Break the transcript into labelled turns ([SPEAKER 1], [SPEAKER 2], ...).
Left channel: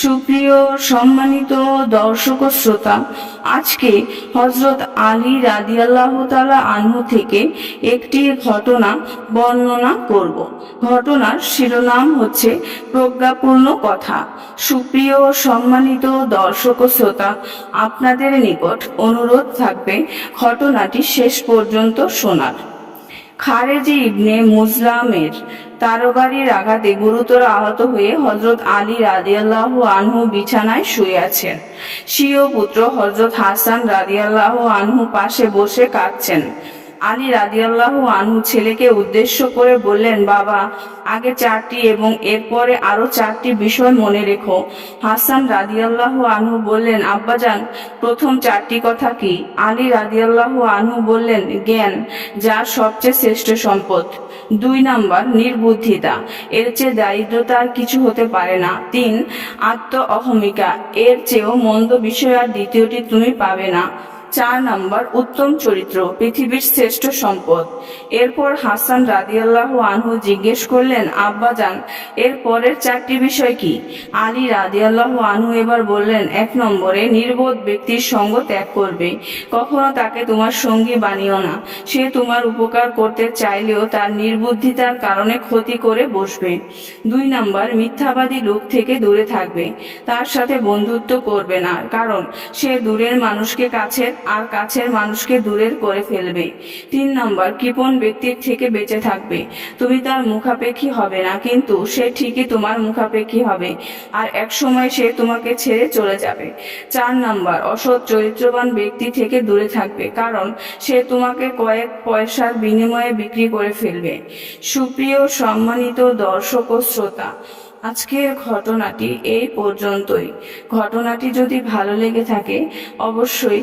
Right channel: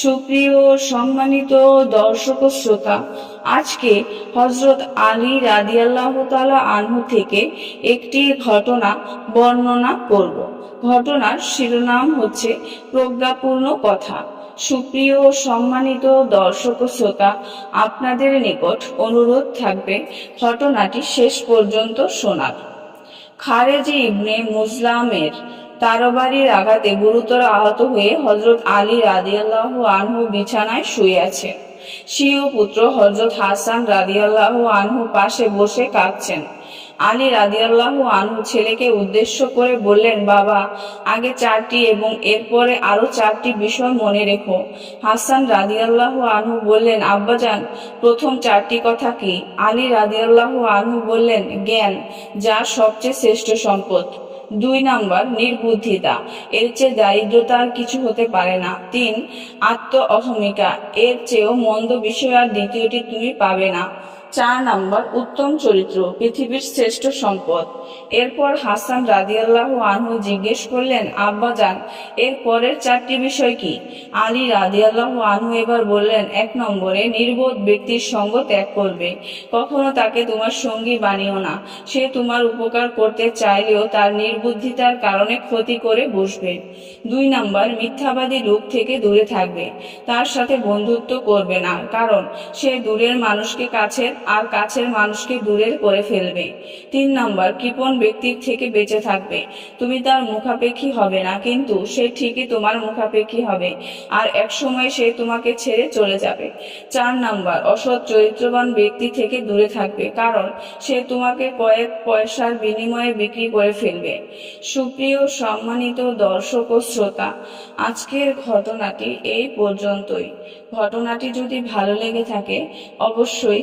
[SPEAKER 1] সুপ্রিয় সম্মানিত দর্শক শ্রোতা, আজকে হজরত আলী রাদিয়াল্লাহ তালা আনহু থেকে একটি ঘটনা বর্ণনা করব। ঘটনার শিরোনাম হচ্ছে প্রজ্ঞাপূর্ণ কথা। সুপ্রিয় সম্মানিত দর্শক শ্রোতা, আপনাদের নিকট অনুরোধ থাকবে ঘটনাটি শেষ পর্যন্ত শোনার। খারেজি ইবনে মুসলামের তারবারির আঘাতে গুরুতর আহত হয়ে হজরত আলী রাদিয়াল্লাহু আনহু বিছানায় শুয়ে আছেন। স্বীয় পুত্র হজরত হাসান রাদিয়াল্লাহু আনহু পাশে বসে কাঁদছেন। আলী রাদিয়াল্লাহু আনহু ছেলেকে উদ্দেশ্য করে বললেন, বাবা, আগে চারটি এবং এরপরে আরও চারটি বিষয় মনে রেখো। হাসান রাদিয়াল্লাহু আনহু বললেন, আব্বাজান, প্রথম চারটি কথা কি? আলী রাদিয়াল্লাহু আনহু বললেন, জ্ঞান, যা সবচেয়ে শ্রেষ্ঠ সম্পদ। দুই নাম্বার, নির্বুদ্ধিতা, এর চেয়ে দারিদ্রতা কিছু হতে পারে না। তিন আত্ম অহমিকা এর চেয়েও মন্দ বিষয় আর দ্বিতীয়টি তুমি পাবে না। চার নাম্বার উত্তম চরিত্র, পৃথিবীর শ্রেষ্ঠ সম্পদ। এরপর হাসান রাদিয়াল্লাহ আনহু জিজ্ঞেস করলেন আব্বা যান এর পরের চারটি বিষয় কি? আলী রাদিয়াল্লাহ আনহু এবার বললেন, এক নম্বরে নির্বোধ ব্যক্তির সঙ্গ ত্যাগ করবে। কখনো তাকে তোমার সঙ্গী বানিও না। সে তোমার উপকার করতে চাইলেও তার নির্বুদ্ধিতার কারণে ক্ষতি করে বসবে। দুই নাম্বার, মিথ্যাবাদী লোক থেকে দূরে থাকবে। তার সাথে বন্ধুত্ব করবে না, কারণ সে দূরের মানুষকে কাছের আর কাছের মানুষকে দূরের করে ফেলবে। তিন নম্বর, কৃপণ ব্যক্তির থেকে বেঁচে থাকবে। তুমি তার মুখাপেক্ষী হবে না, কিন্তু সে ঠিকই তোমার মুখাপেক্ষী হবে আর এক সময় সে তোমাকে ছেড়ে চলে যাবে। চার নম্বর, অসৎ চরিত্রবান ব্যক্তি থেকে দূরে থাকবে, কারণ সে তোমাকে কয়েক পয়সার বিনিময়ে বিক্রি করে ফেলবে। সুপ্রিয়, সম্মানিত দর্শক ও শ্রোতা, আজকের ঘটনাটি এই পর্যন্তই। ঘটনাটি যদি ভালো লেগে থাকে, অবশ্যই